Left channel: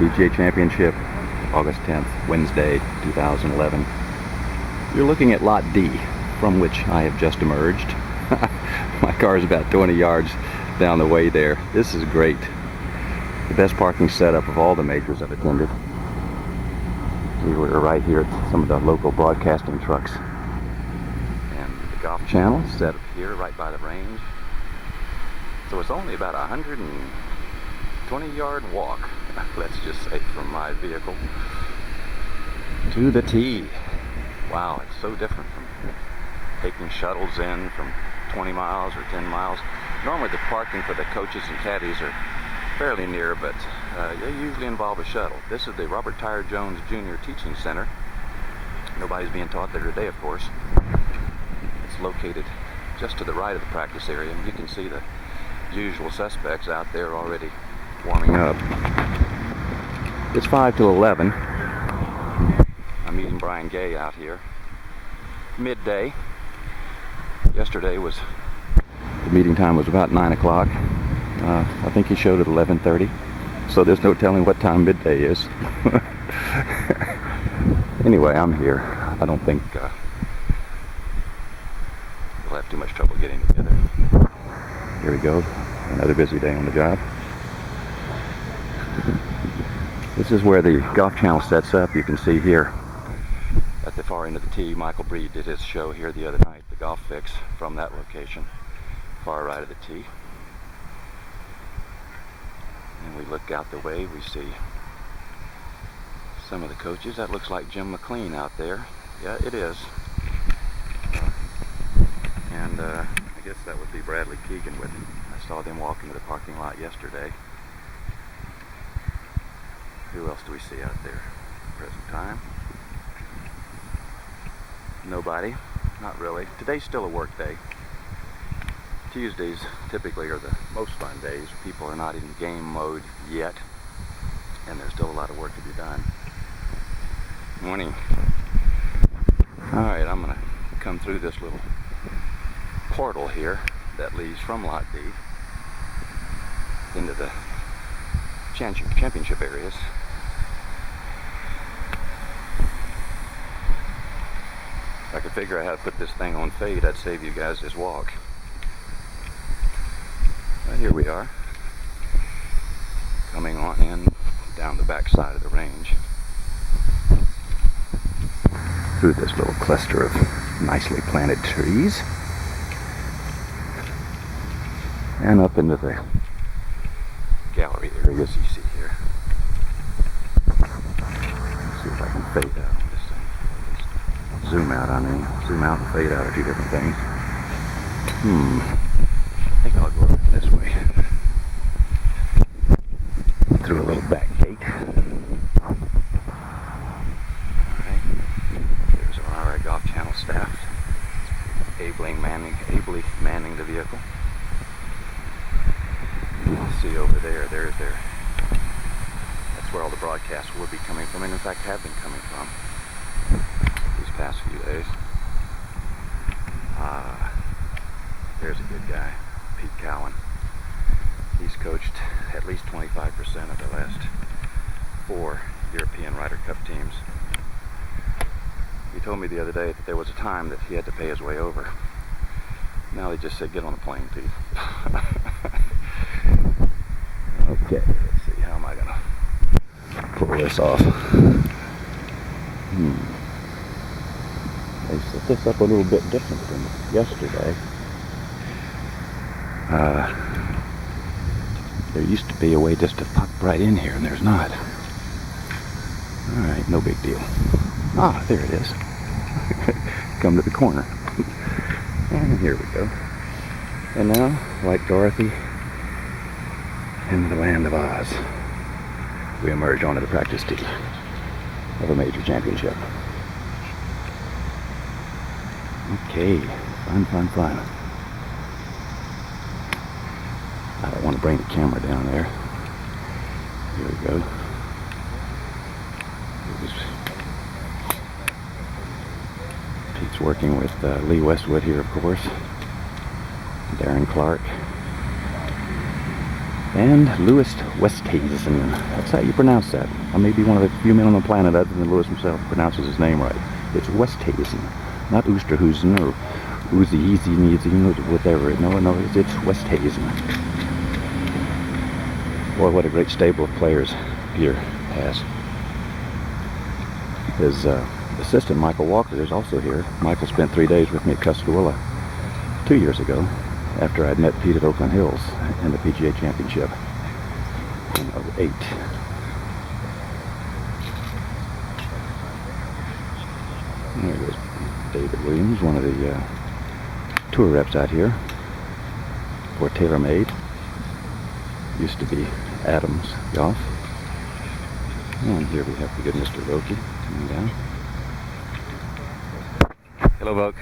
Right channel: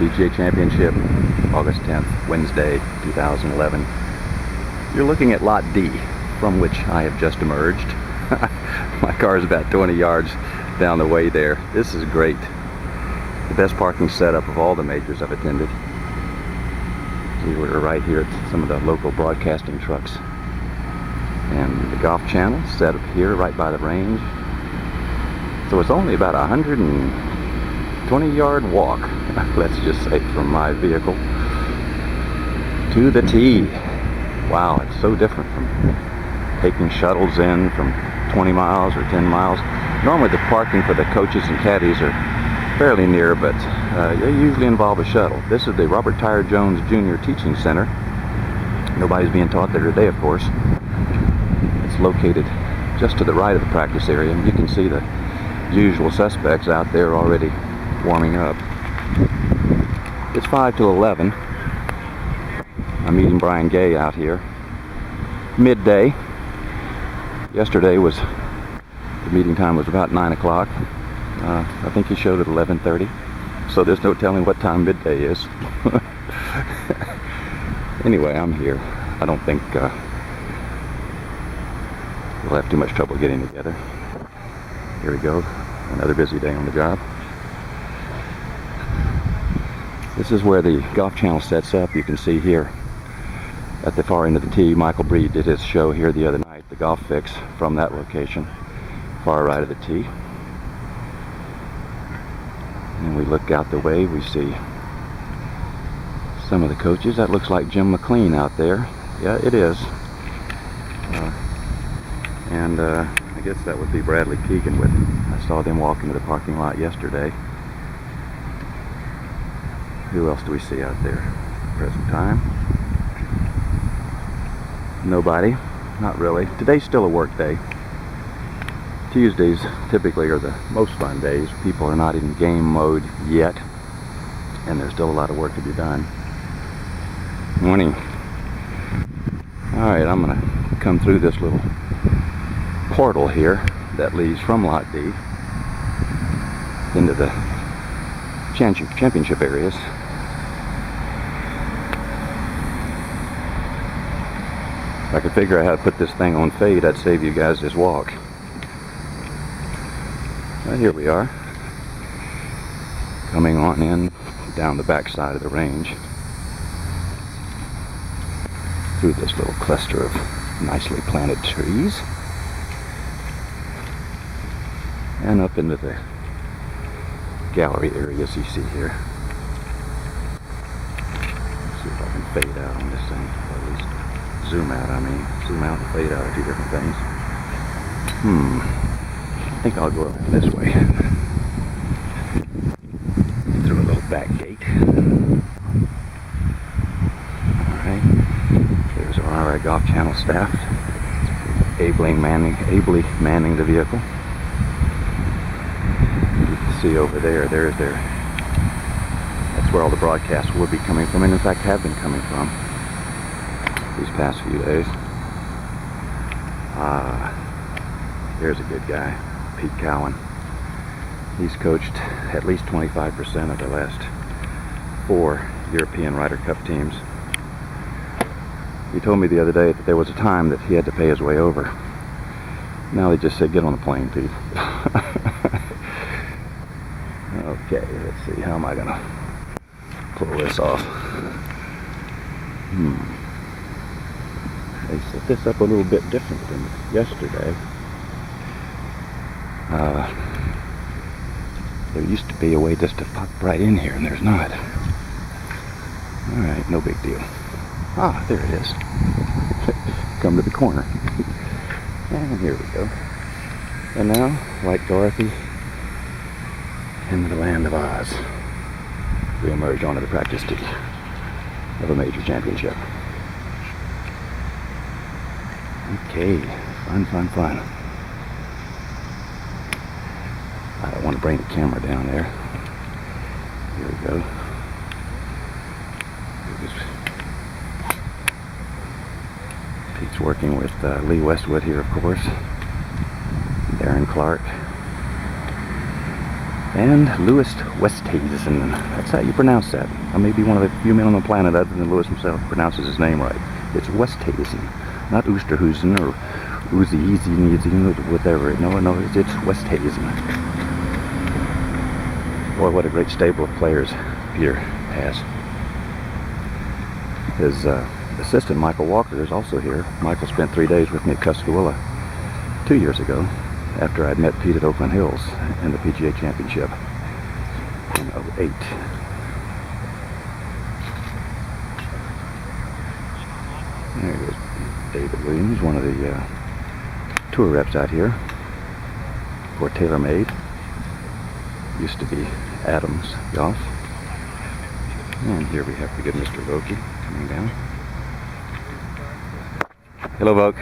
PGA Championship, August 10th, Wednesday, 2011. You're looking at Lot D, from which I have just emerged. My car is about 20 yards down the way there. This is great. The best parking setup of all the majors I've attended. We were right here at some of the local broadcasting trucks. And the golf channel set up here right by the range. So it's only about a 120-yard walk, let's just say, from my vehicle to the tee. Wow, it's so different from taking shuttles in from 20 miles or 10 miles. Normally the parking for the coaches and caddies are fairly near, but they usually involve a shuttle. This is the Robert Tyre Jones Jr. Teaching Center. Nobody's being taught there today, of course. It's located just to the right of the practice area, and you can see the usual suspects out there already warming up. It's 5 to 11. I'm meeting Brian Gay out here. Midday. Yesterday the meeting time was about 9 o'clock. I think he showed at 11:30. So there's no telling what time midday is. Anyway, I'm here. I don't think we'll have too much trouble getting together. Here we go. Another busy day on the job. This is where the golf channel sets up. You can see here at the far end of the tee, Michael Breed did his show here the other night, the Golf Fix, from that location, far right of the tee. And we look out the way, we see some of the coaches. That looks like Jim McLean out there. Yeah, it is. I guess that would be Bradley Keegan with him. I saw them walk into the parking lot yesterday. Who else do we see out there? Present time. Nobody. Not really. Today's still a work day. Tuesdays typically are the most fun days. People are not in game mode yet, and there's still a lot of work to be done. Morning. Alright, I'm going to come through this little portal here that leads from Lot D into the championship areas. If I could figure out how to put this thing on fade, I'd save you guys this walk. Well, here we are, coming on in down the back side of the range through this little cluster of nicely planted trees and up into the gallery areas you see here. Let's see if I can fade out on this thing. Zoom out, Zoom out and fade out are two different things. I think I'll go around this way. Through a little back gate. Alright. Here's our golf channel staff. Ably manning the vehicle. You can see over there, that's where all the broadcasts will be coming from, and in fact have been coming from these past few days. Here's a good guy, Pete Cowan. He's coached at least 25% of the last 4 European Ryder Cup teams. He told me the other day that there was a time that he had to pay his way over. Now they just said, get on the plane, Pete. Okay, let's see, how am I gonna pull this off? They set this up a little bit different than yesterday. There used to be a way just to pop right in here, and there's not. Alright, no big deal. Ah, there it is. Come to the corner. And here we go. And now, like Dorothy, into the land of Oz, we emerge onto the practice tee of a major championship. Okay, fun. I don't want to bring the camera down there. Here we go. Pete's working with Lee Westwood here, of course. Darren Clark. And Louis Westhuizen. That's how you pronounce that. I may be one of the few men on the planet other than Louis himself who pronounces his name right. It's Westhuizen, not Oosterhuizen or Uzi, whatever. No, it's Westhuizen. Boy, what a great stable of players Peter has. His assistant, Michael Walker, is also here. Michael spent 3 days with me at Tuscaloosa 2 years ago, after I'd met Pete at Oakland Hills in the PGA Championship in '08. There goes David Williams, one of the tour reps out here for TaylorMade. Used to be Adams Golf. And here we have the good Mr. Vokey coming down. Hello, Voke.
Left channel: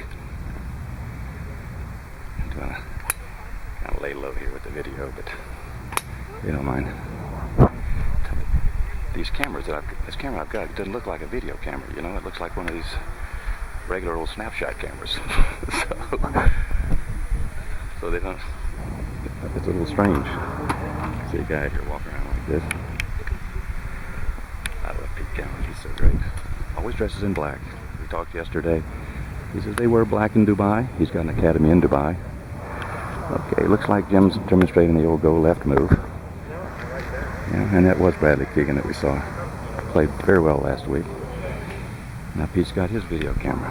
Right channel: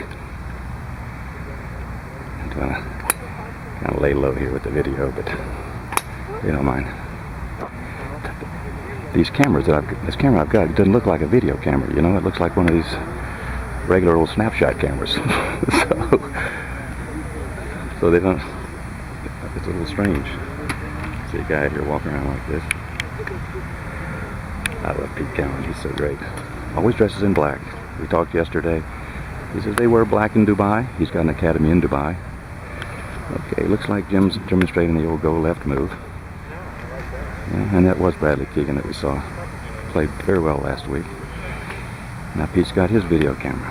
Kind of lay low here with the video, but you don't mind. These cameras this camera I've got, it doesn't look like a video camera, you know. It looks like one of these regular old snapshot cameras. so they don't. It's a little strange. See a guy here walking around like this. I love Pete Cowan. He's so great. Always dresses in black. We talked yesterday. He says they wear black in Dubai. He's got an academy in Dubai. Okay, looks like Jim's demonstrating the old go-left move. Yeah, and that was Bradley Keegan that we saw. Played very well last week. Now Pete's got his video camera.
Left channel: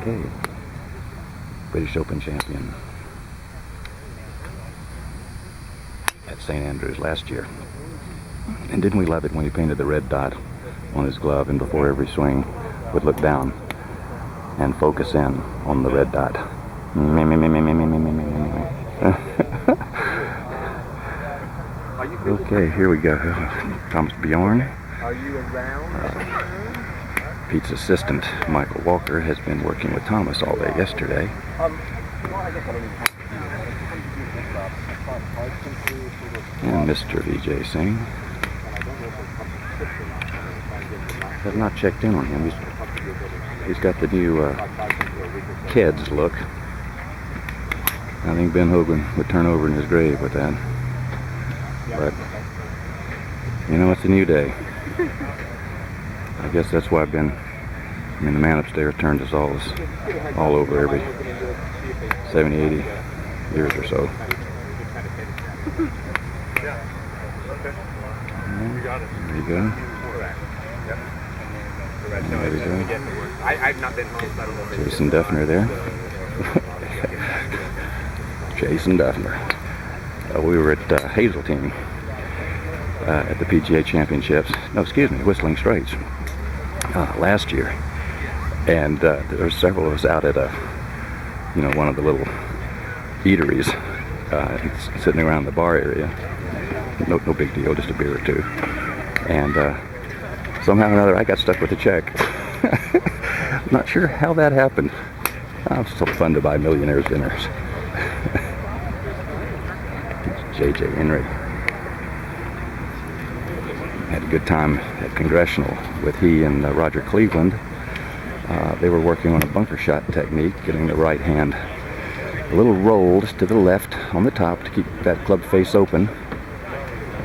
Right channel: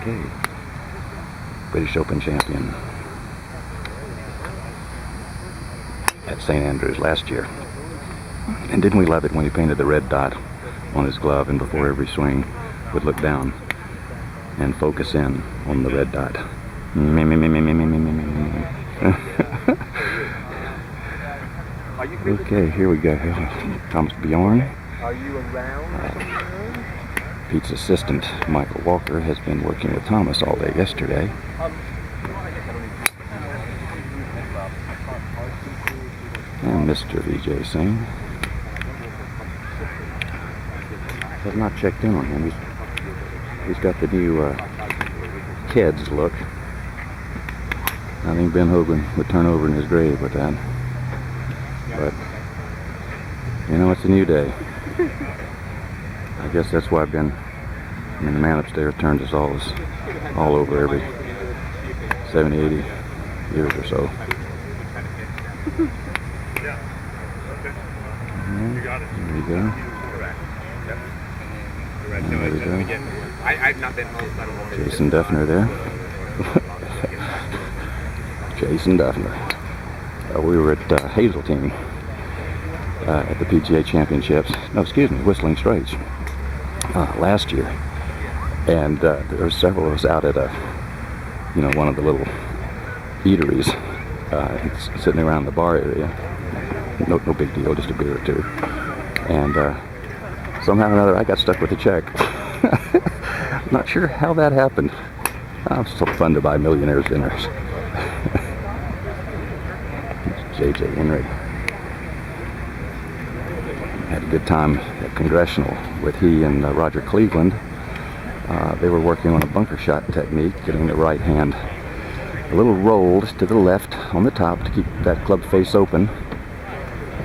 Okay. British Open champion at St. Andrews last year. And didn't we love it when he painted the red dot on his glove and before every swing would look down and focus in on the red dot. Okay, here we go. Thomas Bjorn. Pete's assistant, Michael Walker, has been working with Thomas all day yesterday. And Mr. Vijay Singh. Have not checked in on him. He's got the new Keds look. I think Ben Hogan would turn over in his grave with that. But, you know, it's a new day. I guess that's why the man upstairs turns us all over every 70, 80 years or so. There you go. And there we go. Jason Duffner there. Jason Duffner. We were at Hazeltine at the PGA Championships. No, excuse me, Whistling Straits last year, and there were several of us out at one of the little eateries, sitting around the bar area. No big deal, just a beer or two. And somehow or another, I got stuck with a check. Not sure how that happened. It's so fun to buy millionaires' dinners. J.J. Henry. Had a good time at Congressional with he and Roger Cleveland. They were working on a bunker shot technique, getting the right hand a little rolled to the left on the top to keep that club face open.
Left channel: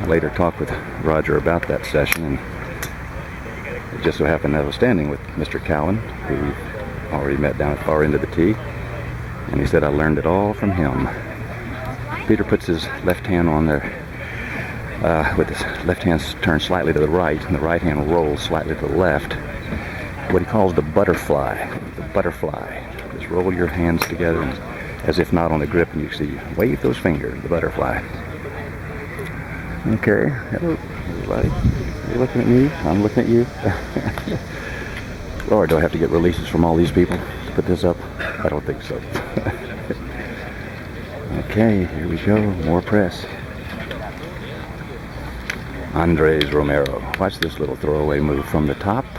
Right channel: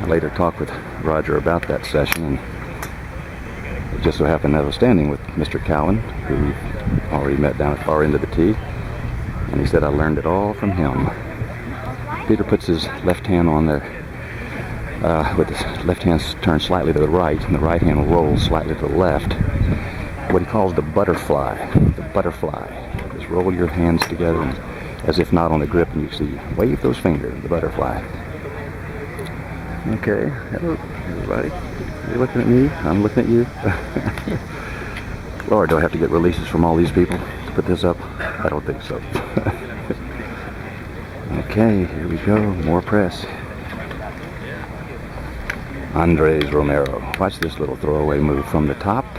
I later talked with Roger about that session, and it just so happened that I was standing with Mr. Cowan, who we've already met down at far end of the tee, and he said I learned it all from him. Peter puts his left hand on there, with his left hand turned slightly to the right, and the right hand rolls slightly to the left. What he calls the butterfly. The butterfly. Just roll your hands together and, as if not on the grip, and you see, wave those fingers, the butterfly. Okay, hello everybody. You're looking at me, I'm looking at you. Lord, do I have to get releases from all these people to put this up? I don't think so. Okay, here we go, more press. Andres Romero. Watch this little throwaway move from the top.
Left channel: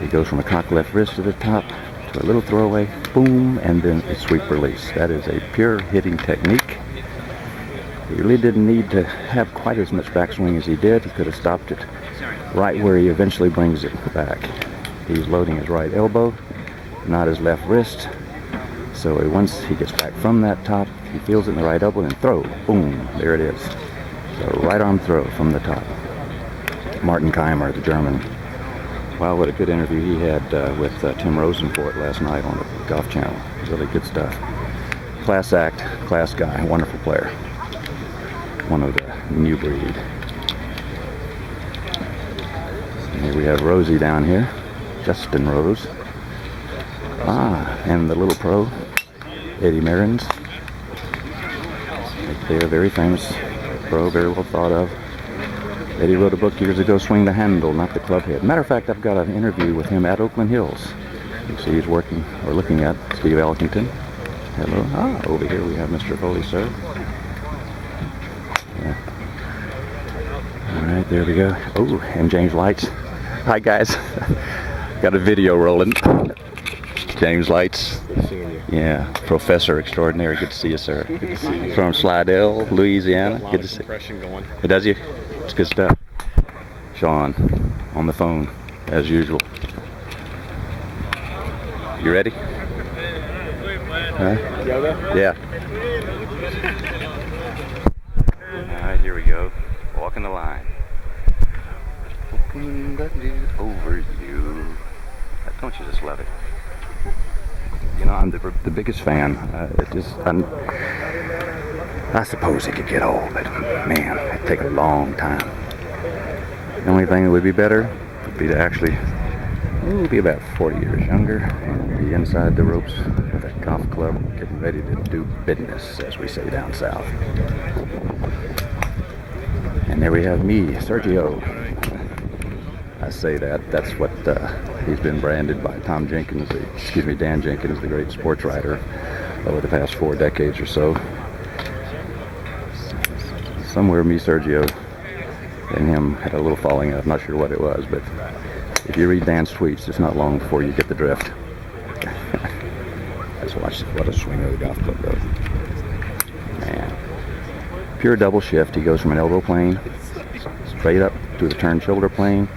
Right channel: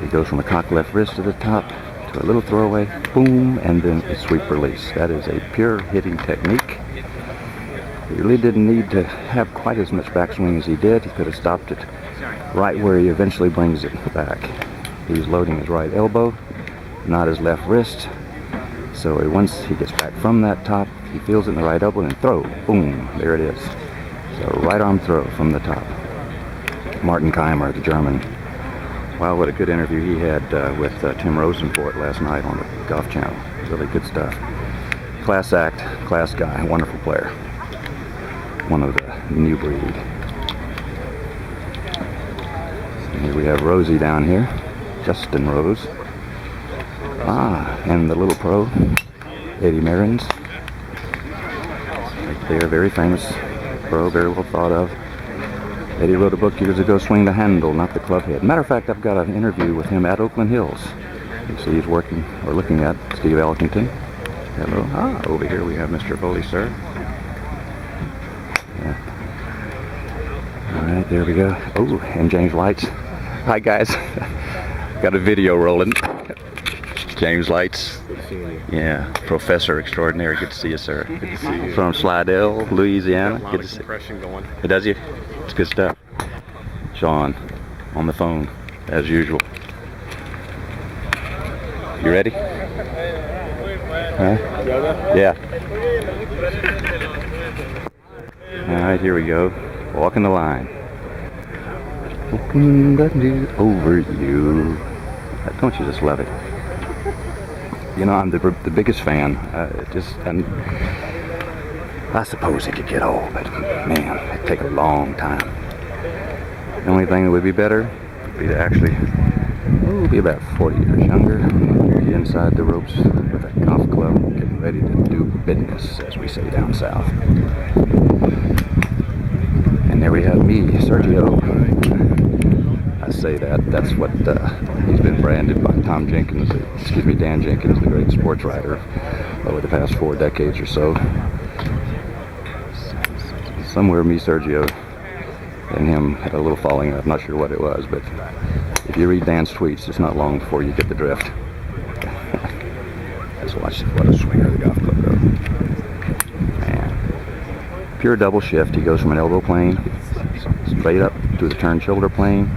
He goes from a cock left wrist to the top to a little throwaway, boom, and then a sweep release. That is a pure hitting technique. He really didn't need to have quite as much backswing as he did. He could have stopped it right where he eventually brings it back. He's loading his right elbow, not his left wrist. So once he gets back from that top, he feels it in the right elbow and throw. Boom, there it is. So right arm throw from the top. Martin Keimer, the German. Wow, what a good interview he had with Tim Rosenfort last night on the Golf Channel. Really good stuff. Class act, class guy, wonderful player. One of the new breed. And here we have Rosie down here. Justin Rose. And the little pro, Eddie Merrins. Right there, very famous pro, very well thought of. Eddie wrote a book years ago, Swing the Handle, Not the Club Head. Matter of fact, I've got an interview with him at Oakland Hills. You can see he's working, or looking at, Steve Elkington. Hello. Over here we have Mr. Foley, sir. Yeah. All right, there we go. Oh, and James Lights. Hi, guys. Got a video rolling. James Lights. Good seeing you. Yeah, professor extraordinary. Good to see you, sir. Good to see you. From Slidell, Louisiana. Got a lot Good of to see compression going. you. Does you? It's good stuff. Sean, on the phone, as usual. You ready? Huh? Yoda? Yeah. All right, here we go. Walking the line. Over you. Don't you just love it? You know, I'm the biggest fan. I suppose it could get old, but man, it'd take a long time. The only thing that would be better would be to actually, be about 40 years younger and be inside the ropes with a golf club, getting ready to do business, as we say down south. And there we have me, Sergio. I say that's what he's been branded by Dan Jenkins, the great sports writer, over the past 4 decades or so. Somewhere me, Sergio, and him had a little falling out. I'm not sure what it was, but if you read Dan's tweets, it's not long before you get the drift. Let's watch what a swinger of the golf club, though. Man. Pure double shift. He goes from an elbow plane straight up to the turn shoulder plane,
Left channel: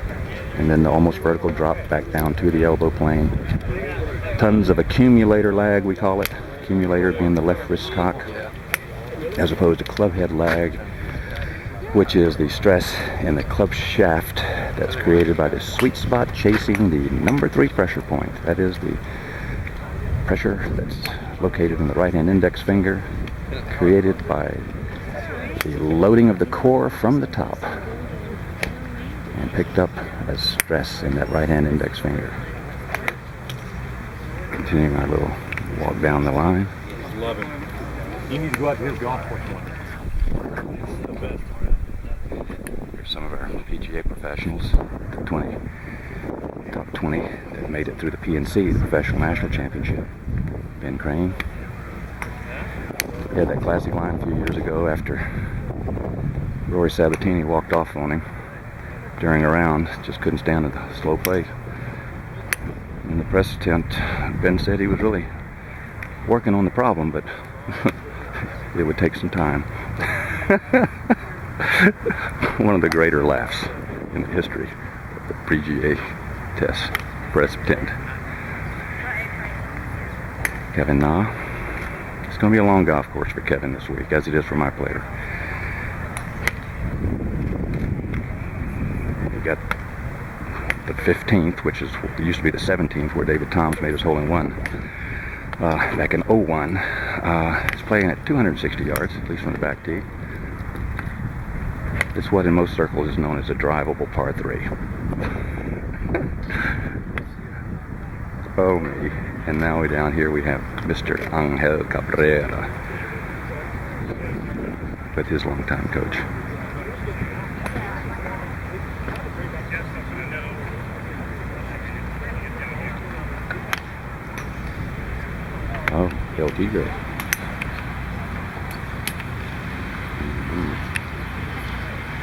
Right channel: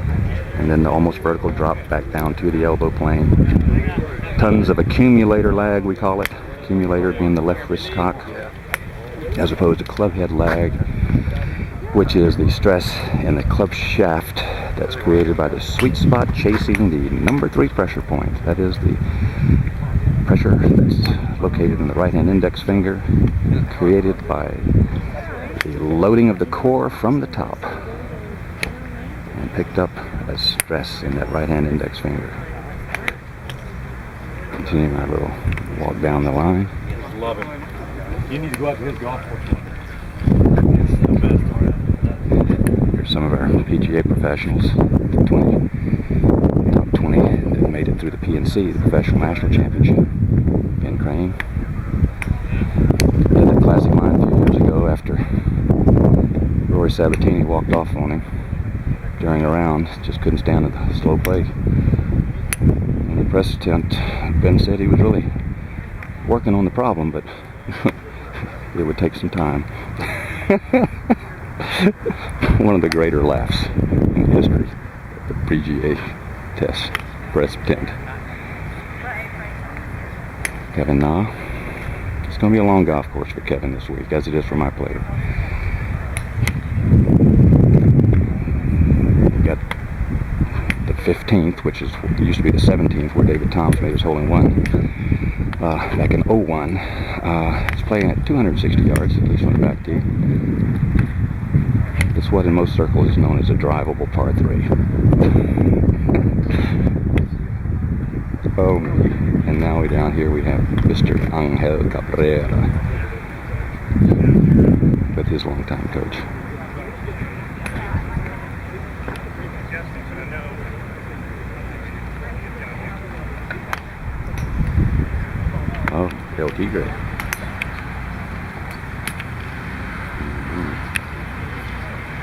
and then the almost vertical drop back down to the elbow plane. Tons of accumulator lag, we call it. Accumulator being the left wrist cock, as opposed to club head lag, which is the stress in the club shaft that's created by the sweet spot chasing the number 3 pressure point. That is the pressure that's located in the right hand index finger, created by the loading of the core from the top and picked up as stress in that right hand index finger. Continuing our little walk down the line. Love it. You need to go out to his golf course. Here's some of our PGA professionals, the top 20 that made it through the PNC, the Professional National Championship. Ben Crane. He had that classic line a few years ago after Rory Sabatini walked off on him during a round, just couldn't stand the slow play. In the press tent, Ben said he was really working on the problem, but it would take some time. One of the greater laughs in the history of the PGA test press tent. Kevin Na. It's going to be a long golf course for Kevin this week, as it is for my player. Got the 15th, which used to be the 17th, where David Toms made his hole-in-one back in '01. He's playing at 260 yards, at least from the back tee. It's what in most circles is known as a drivable par 3. Oh me. And now way down here we have Mr. Angel Cabrera with his longtime coach. Oh, El Tigre.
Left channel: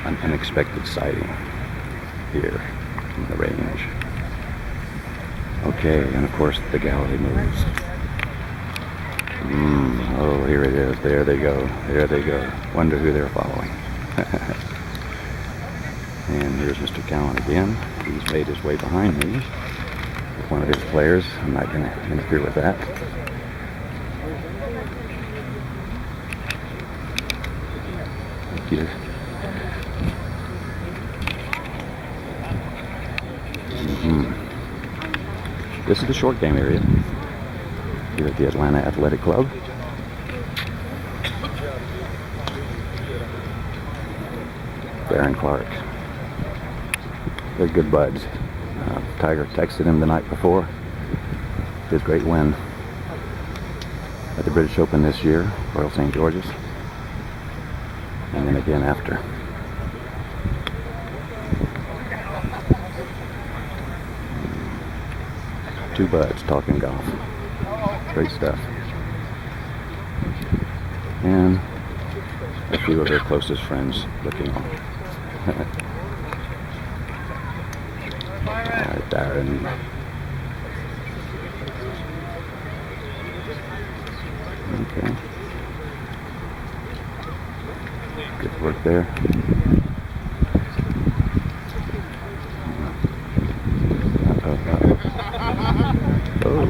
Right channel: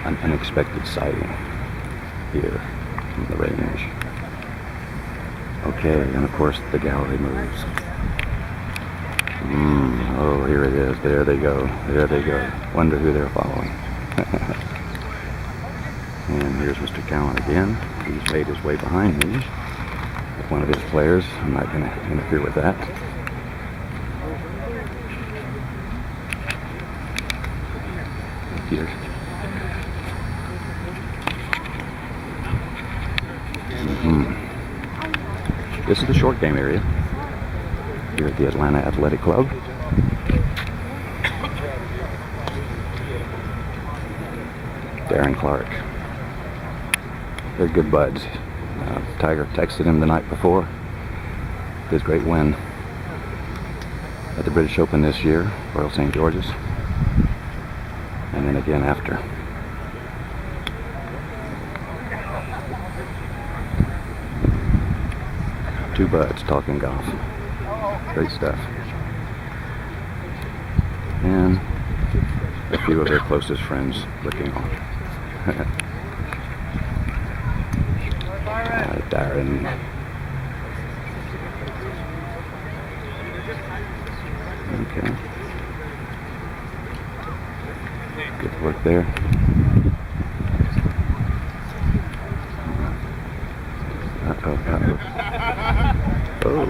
An unexpected sighting here from the range. Okay, and of course the gallery moves. Oh, here it is. There they go. There they go. Wonder who they're following. And here's Mr. Cowan again. He's made his way behind me with one of his players. I'm not going to interfere with that. here. This is the short game area here at the Atlanta Athletic Club. Darren Clark. They're good buds. Tiger texted him the night before his great win at the British Open this year, Royal St. George's, and then again after. Two buds talking golf. Great stuff. And a few of their closest friends looking on. Darren. Okay. Good work there. Oh,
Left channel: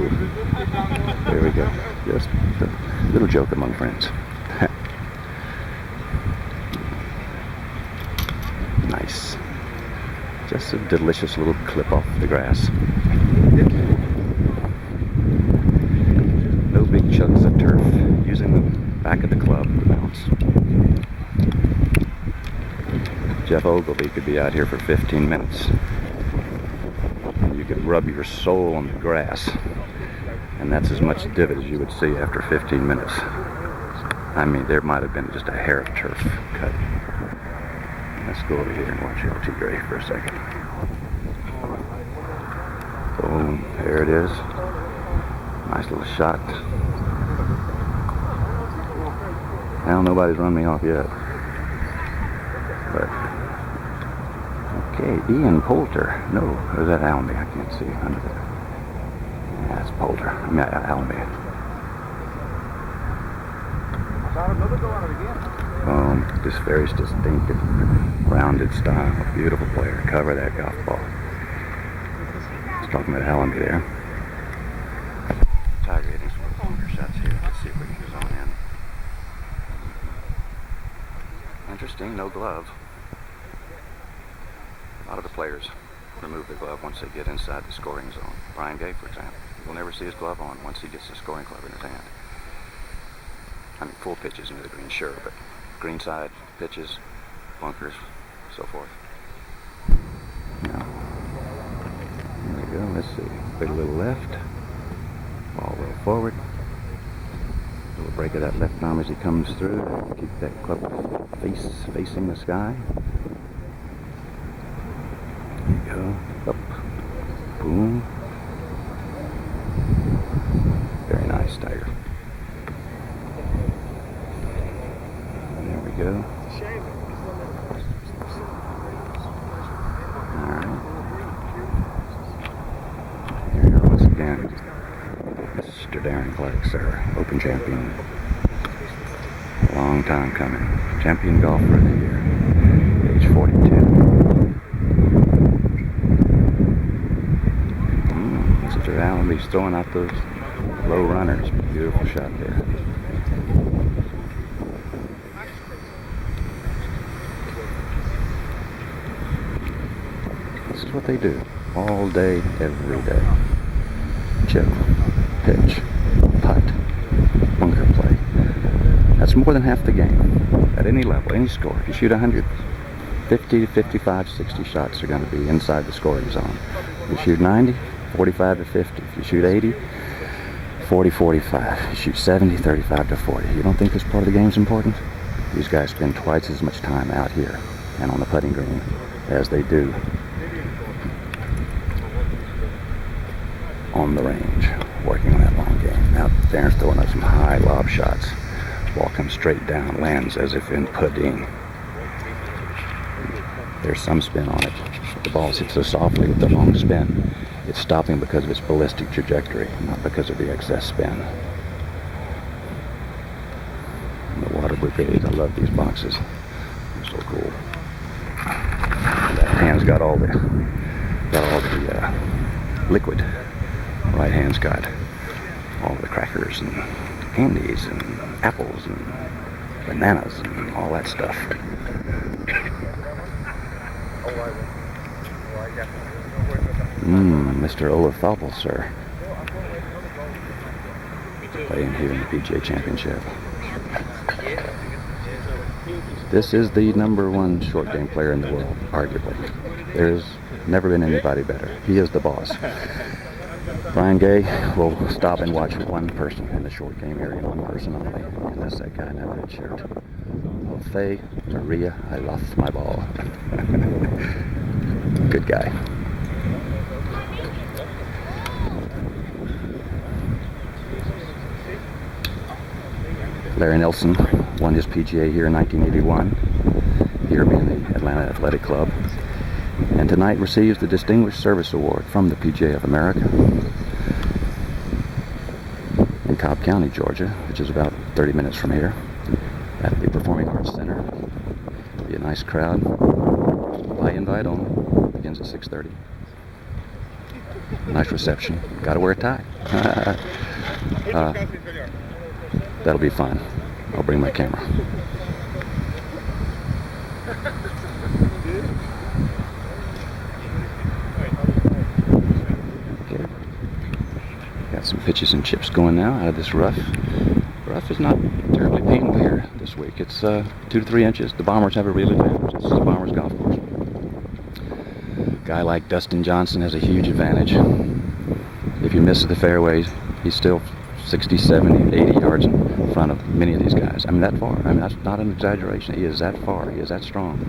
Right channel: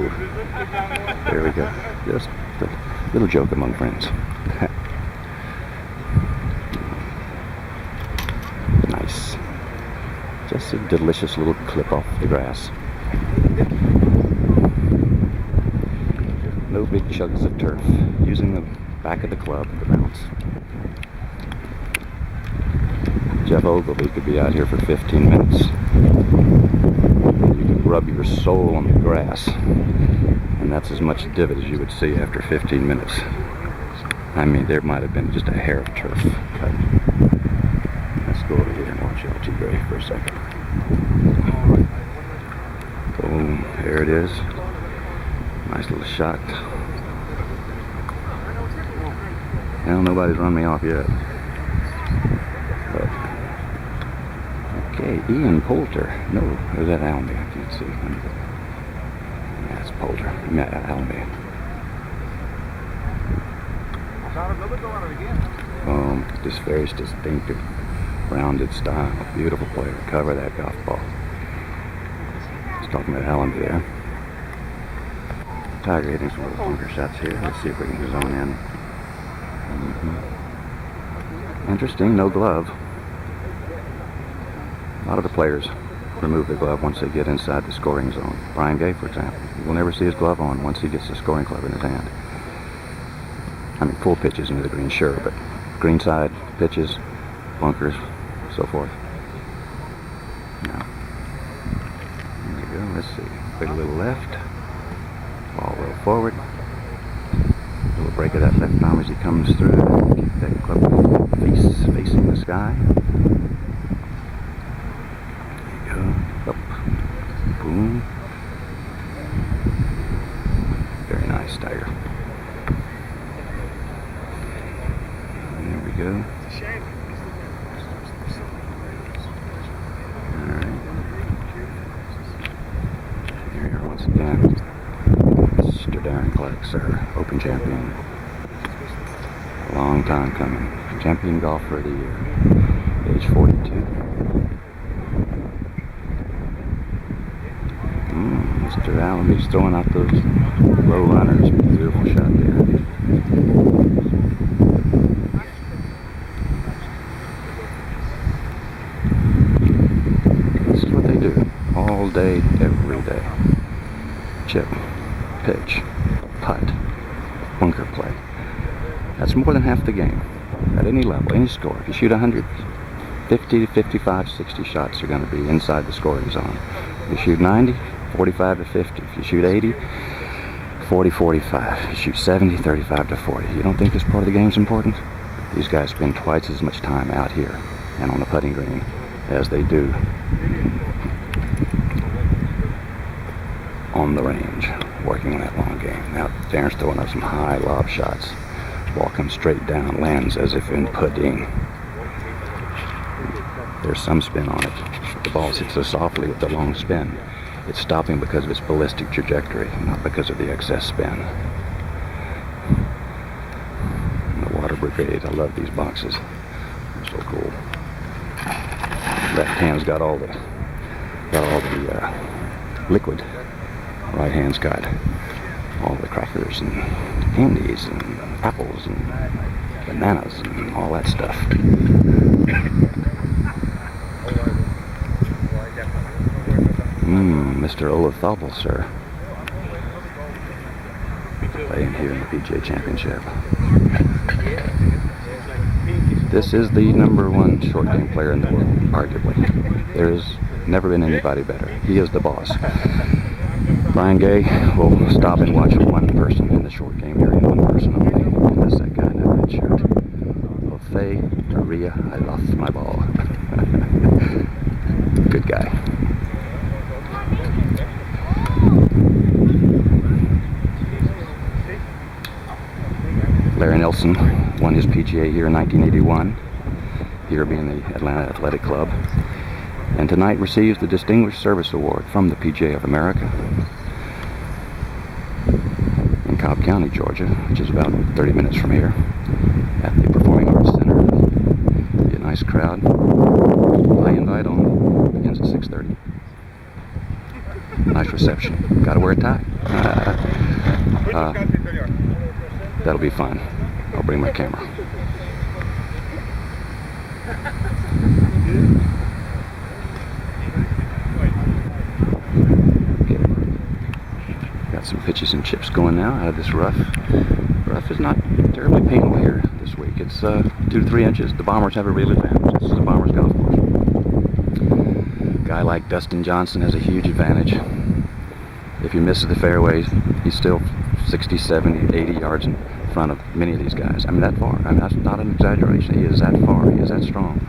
there we go. Just a little joke among friends. Nice. Just a delicious little clip off the grass. No big chugs of turf. Using the back of the club to bounce. Jeff Ogilvy could be out here for 15 minutes. You could rub your sole on the grass, and that's as much divot as you would see after 15 minutes. I mean, there might have been just a hair of turf cut. Let's go over here and watch LT Gray for a second. Boom, there it is. Nice little shot. Well, nobody's run me off yet. But okay, Ian Poulter. No, or is that Allenby? I can't see under there. Yeah, it's Poulter. I mean, Allenby. This very distinctive, rounded style. Beautiful player. Cover that golf ball. Just talking about Allenby there. Tiger hitting some little bunker shots here. Let's see if we can zone in. Interesting, no glove. A lot of the players remove the glove once they get inside the scoring zone. Brian Gay, for example, you'll never see his glove on once he gets the scoring club in his hand. I mean, full pitches into the green, sure, but greenside pitches, bunkers, so forth. Yeah. There we go. Let's see. Wait a little left. Ball roll forward. A little break of that left arm as he comes through. Keep that club facing the sky. There you go. Up. Boom. Very nice, Tiger. There we go. Here we are once again. Mr. Darren Clark, sir. Open champion. A long time coming. Champion golfer of the year. Age 42. Mr. Allenby's throwing out those low runners. Beautiful shot there. This is what they do all day, every day. Chip, pitch, putt, bunker play. That's more than half the game. At any level, any score. If you shoot 150, 55, 60 shots are going to be inside the scoring zone. If you shoot 90, 45 to 50. If you shoot 80, 40, 45. If you shoot 70, 35 to 40. You don't think this part of the game is important? These guys spend twice as much time out here and on the putting green as they do on the range, working on that long game. Now, Darren's throwing up some high lob shots. Ball comes straight down, lands as if in pudding. There's some spin on it. But the ball's hit so softly with the long spin, it's stopping because of its ballistic trajectory, not because of the excess spin. And the Water Brigade, I love these boxes. They're so cool. And that hand's got all the liquid. The right hand's got all the crackers and candies and apples and bananas and all that stuff. Mr. Olafable, sir. Playing here in the PGA Championship. This is the #1 short game player in the world, arguably. There's never been anybody better. He is the boss. Brian Gay will stop and watch one person in the short game area, and one person only, and that's that guy in that red shirt. Jose Maria, I lost my ball. Good guy. Larry Nelson won his PGA here in 1981, here being the Atlanta Athletic Club, and tonight receives the Distinguished Service Award from the PGA of America in Cobb County, Georgia, which is about 30 minutes from here, at the Performing Arts Center. Be a nice crowd. My invite on begins at 6:30. Nice reception. Got to wear a tie. That'll be fun. I'll bring my camera. Okay. Got some pitches and chips going now out of this rough. Rough is not terribly painful here this week. It's 2 to 3 inches. The Bombers have a real advantage. This is the Bombers golf course. A guy like Dustin Johnson has a huge advantage. If he misses the fairways, he's still 60, 70, 80 yards in front of many of these guys. I mean, that far. I mean, that's not an exaggeration. He is that far. He is that strong.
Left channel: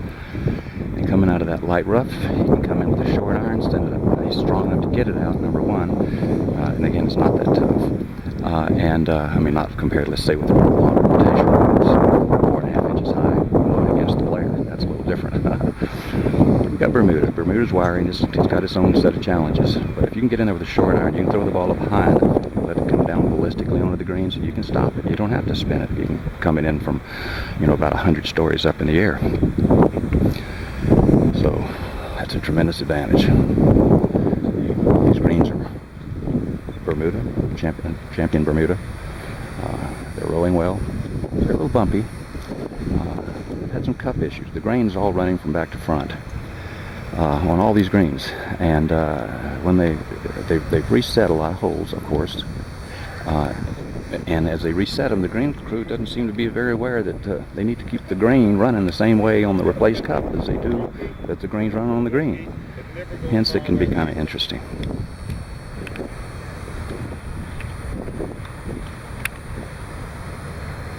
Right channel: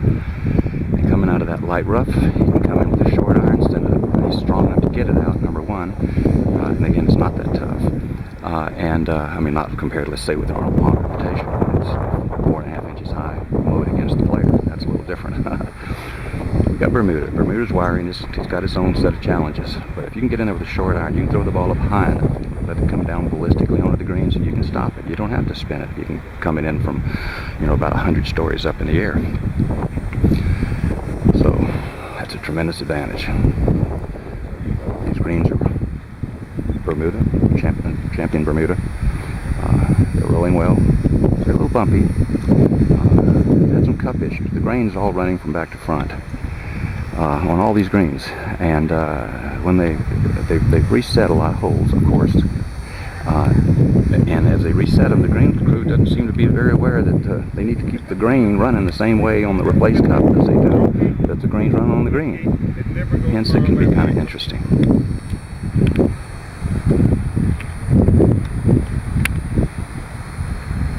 And coming out of that light rough, he can come in with a short iron. He's strong enough to get it out, #1. And again, it's not that tough. I mean, not compared, let's say, with the long reputation. It's 4.5 inches high, mowed against the player. That's a little different. We got Bermuda. Bermuda's wiring. It's got its own set of challenges. But if you can get in there with a short iron, you can throw the ball up high enough, let it come down ballistically onto the greens, and you can stop it. You don't have to spin it. You can come in from, about 100 stories up in the air. So that's a tremendous advantage. These greens are Bermuda, champion Bermuda. They're rolling well. They're a little bumpy. They've had some cup issues. The grain's all running from back to front on all these greens, and when they've reset a lot of holes, of course, and as they reset them, the green crew doesn't seem to be very aware that they need to keep the grain running the same way on the replaced cup as they do that the greens run on the green. Hence, it can be kind of interesting.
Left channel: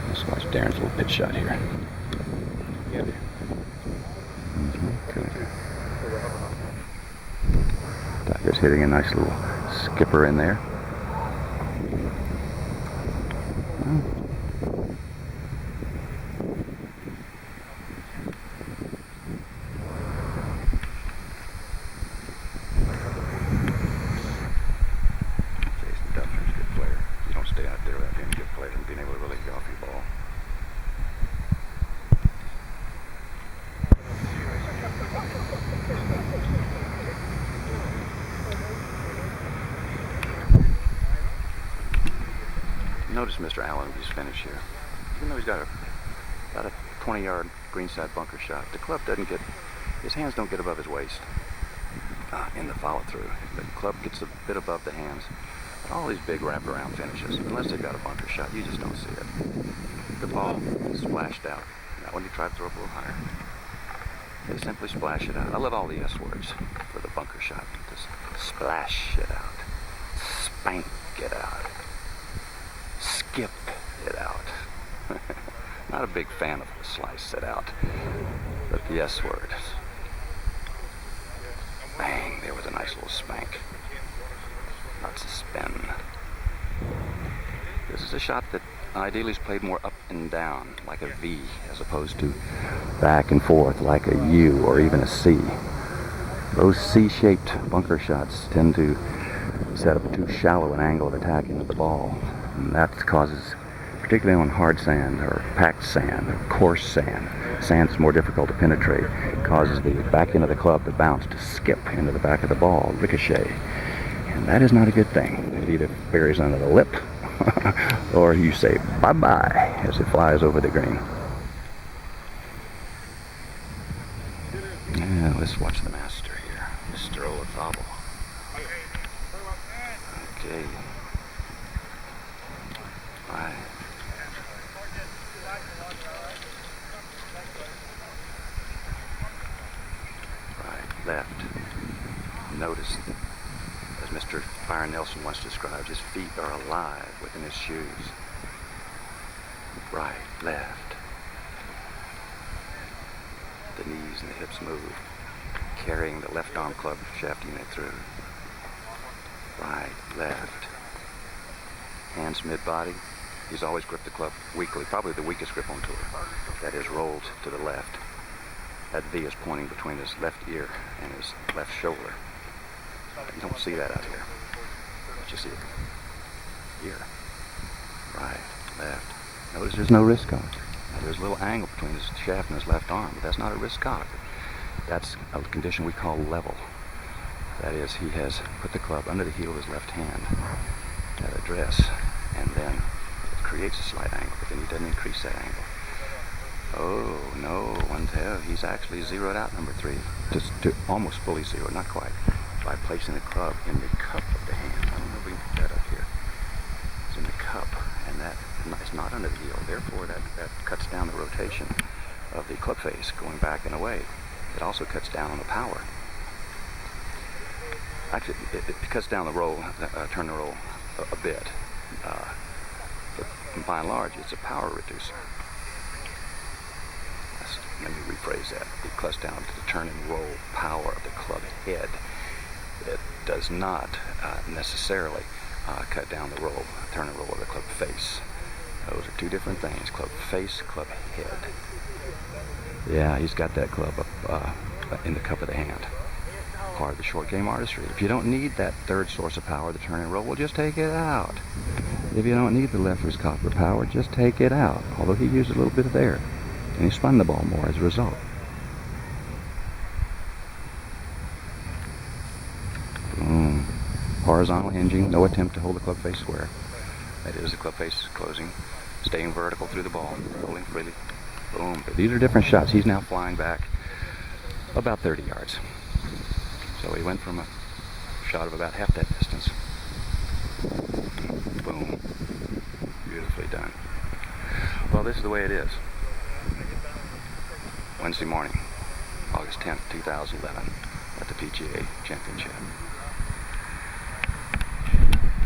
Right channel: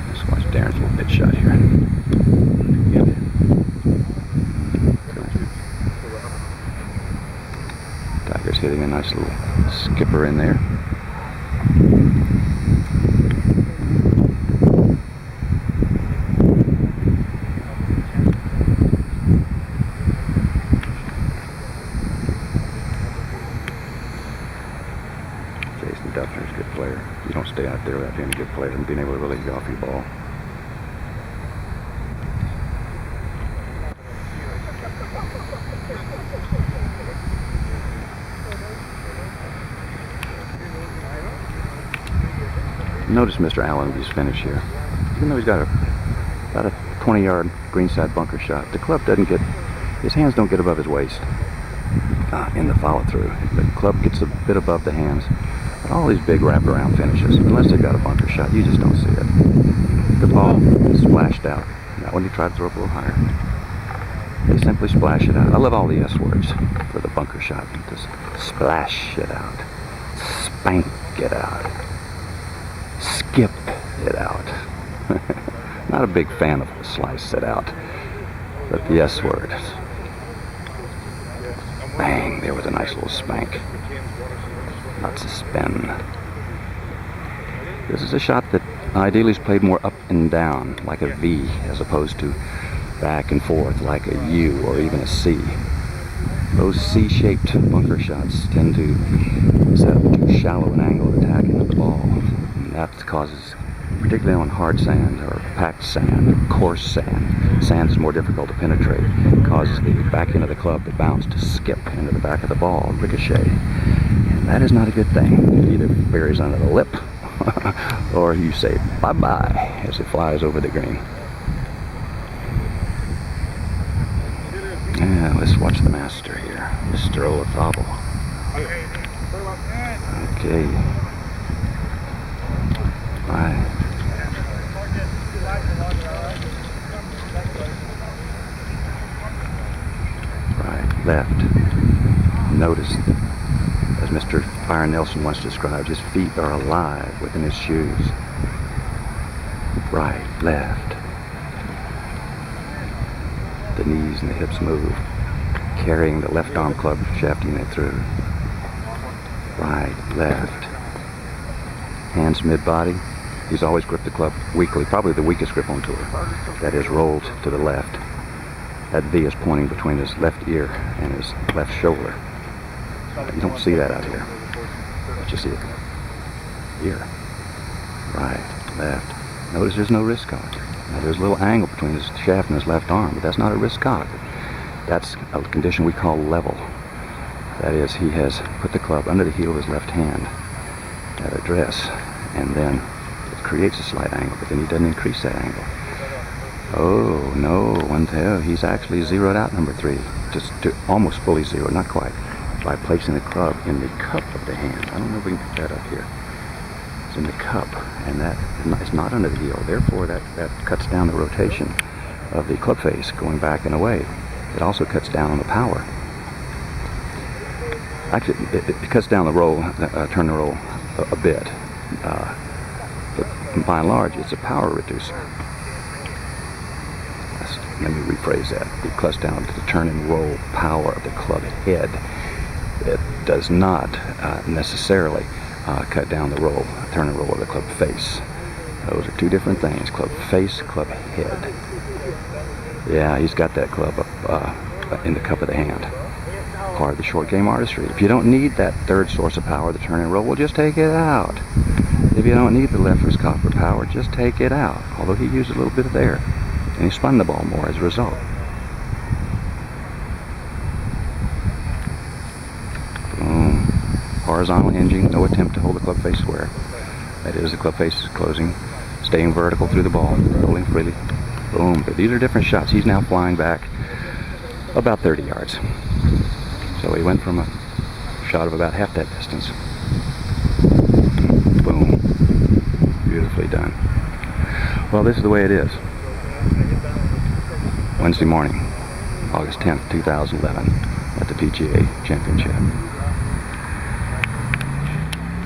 Let's watch Darren's little pitch shot here. Good. Tiger's hitting a nice little skipper in there. Jason Duffner's a good player. You don't stay out there without being a good player and being able to really golf your ball. Notice Mr. Allenby's finish here. Even though he's got about a 20-yard greenside bunker shot, the club doesn't get, his hands don't get above his waist in the follow-through. The club gets a bit above the hands. But all these big wraparound finishes, unless they've got a bunker shot, you just don't see it. The ball is splashed out. Now when you try to throw it a little higher, they simply splash it out. I love all the S words for the bunker shot. Just splash it out. Spank it out. Skip it out. Not a big fan of slice it out, but the S word. Bang, there was a nice little spank. Lots of spin. This is a shot that ideally is played more up and down, like a V, as opposed to back and forth, like a U or even a C. Those C-shaped bunker shots tend to set up too shallow an angle of attack into the ball. And that causes, particularly on hard sand or packed sand or coarse sand, sand is more difficult to penetrate, causes the back end of the club to bounce, to skip into the back of the ball, ricochet. And that is not a good thing. It either buries under the lip or you say bye-bye as it flies over the green. Let's watch the master here, Mr. Olafable. Okay. Right. Right, left. Notice, as Mr. Byron Nelson once described, his feet are alive within his shoes. Right, left. The knees and the hips move, carrying the left arm club, shafting it through. Right, left. Hands mid-body. He's always gripped the club weakly, probably the weakest grip on tour. That is rolled to the left. That V is pointing between his left ear and his left shoulder. You don't see that out here, but you see it here. Right, left. Notice there's no wrist cock. Now there's a little angle between his shaft and his left arm, but that's not a wrist cock. That's a condition we call level. That is, he has put the club under the heel of his left hand at address, and then it creates a slight angle, but then he doesn't increase that angle. Oh, no, one tell, he's actually zeroed out number 3, just to almost fully zero, not quite, by placing the club in the cup of the hand. I don't know if we can get that up here. It's in the cup, and that is not under the heel. Therefore, that cuts down the rotation of the club face going back and away. It also cuts down on the power. Actually, it cuts down the roll, turn the roll a bit, but by and large, it's a power reducer. Let me rephrase that. It cuts down to the turn and roll power of the club head. It does not necessarily cut down the roll, turn and roll of the club face. Those are two different things. Club face, club head. Yeah, he's got that club up in the cup of the hand. Part of the short game artistry. If you don't need that third source of power, the turn and roll, well, just take it out. If you don't need the left wrist cock for power, just take it out. Although he used a little bit of there, and he spun the ball more as a result. Boom. Horizontal hinging, no attempt to hold the club face square. That is, the club face is closing, staying vertical through the ball, rolling freely. Boom. But these are different shots. He's now flying back about 30 yards. So he went from a shot of about half that distance. Boom. Beautifully done. Well, this is the way it is. Wednesday morning, August 10th, 2011, at the PGA Championship.